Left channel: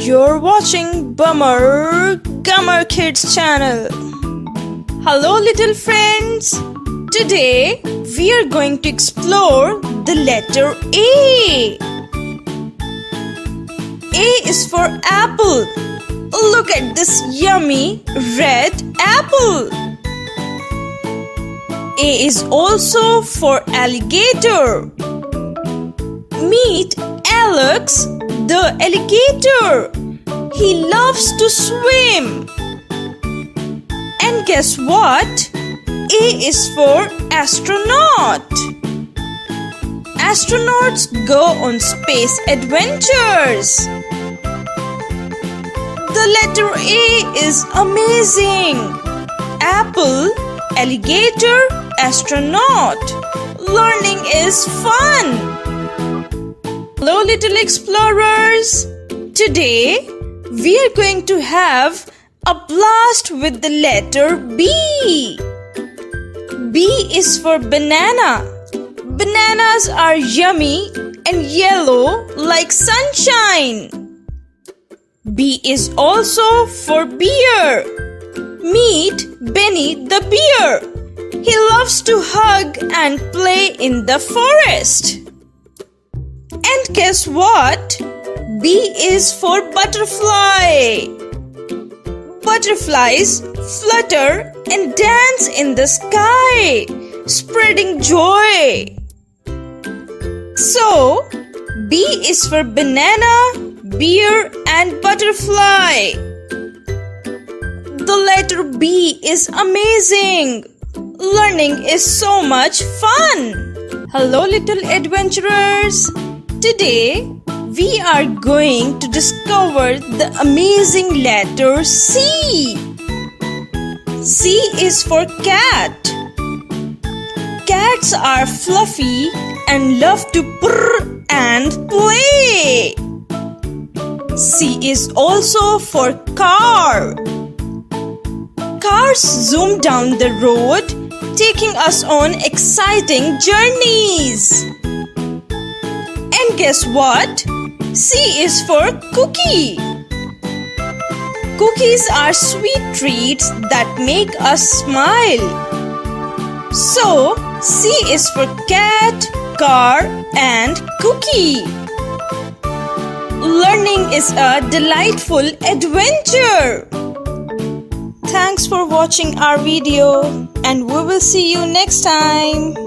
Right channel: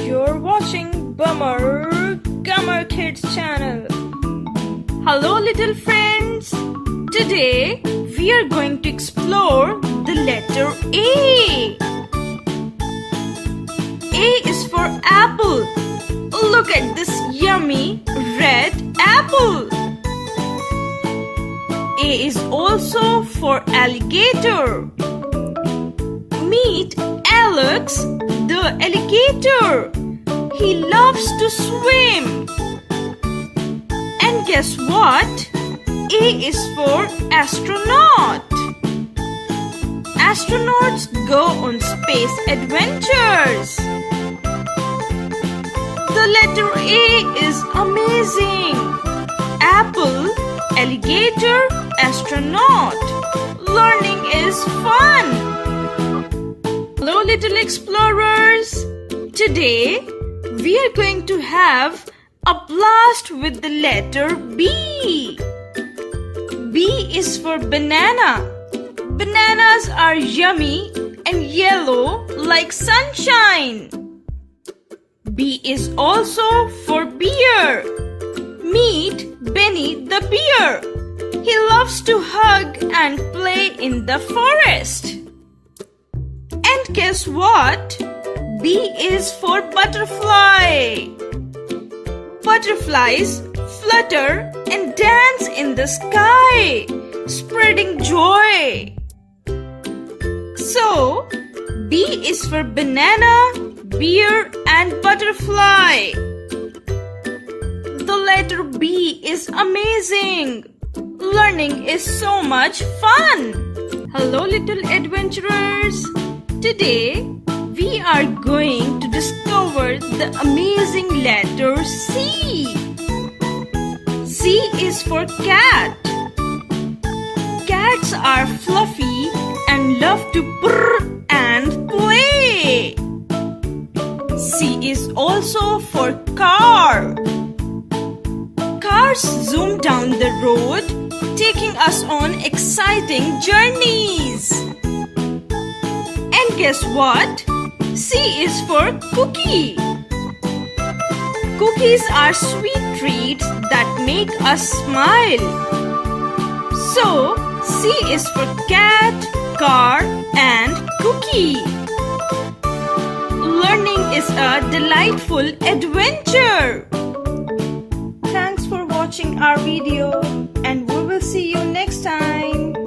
You're watching Bummer Gummer Kids channel. Hello little friends. Today we are going to explore the letter A. A is for apple. Look at this yummy red apple. A is also for alligator. Meet Alex the alligator. He loves to swim. And guess what? A is for astronaut. Astronauts go on space adventures. The letter A is amazing. Apple, alligator, astronaut. Learning is fun. Hello little explorers. Today we are going to have a blast with the letter B. B is for banana. Bananas are yummy and yellow like sunshine. B is also for bear. Meet Benny the bear. He loves to hug and play in the forest. And guess what? B is for butterfly. Butterflies flutter and dance in the sky, spreading joy. So, B is for banana, bear, and butterfly. The letter B is amazing. Learning is so much fun. Hello, little adventurers. Today, we are going to discover the amazing letter C. C is for cat. Cats are fluffy and love to purr and play. C is also for car. Cars zoom down the road, taking us on exciting journeys. And guess what? C is for cookie. Cookies are sweet treats that make us smile. So, C is for cat, car, and cookie. Learning is a delightful adventure. Thanks for watching our video, and we will see you next time.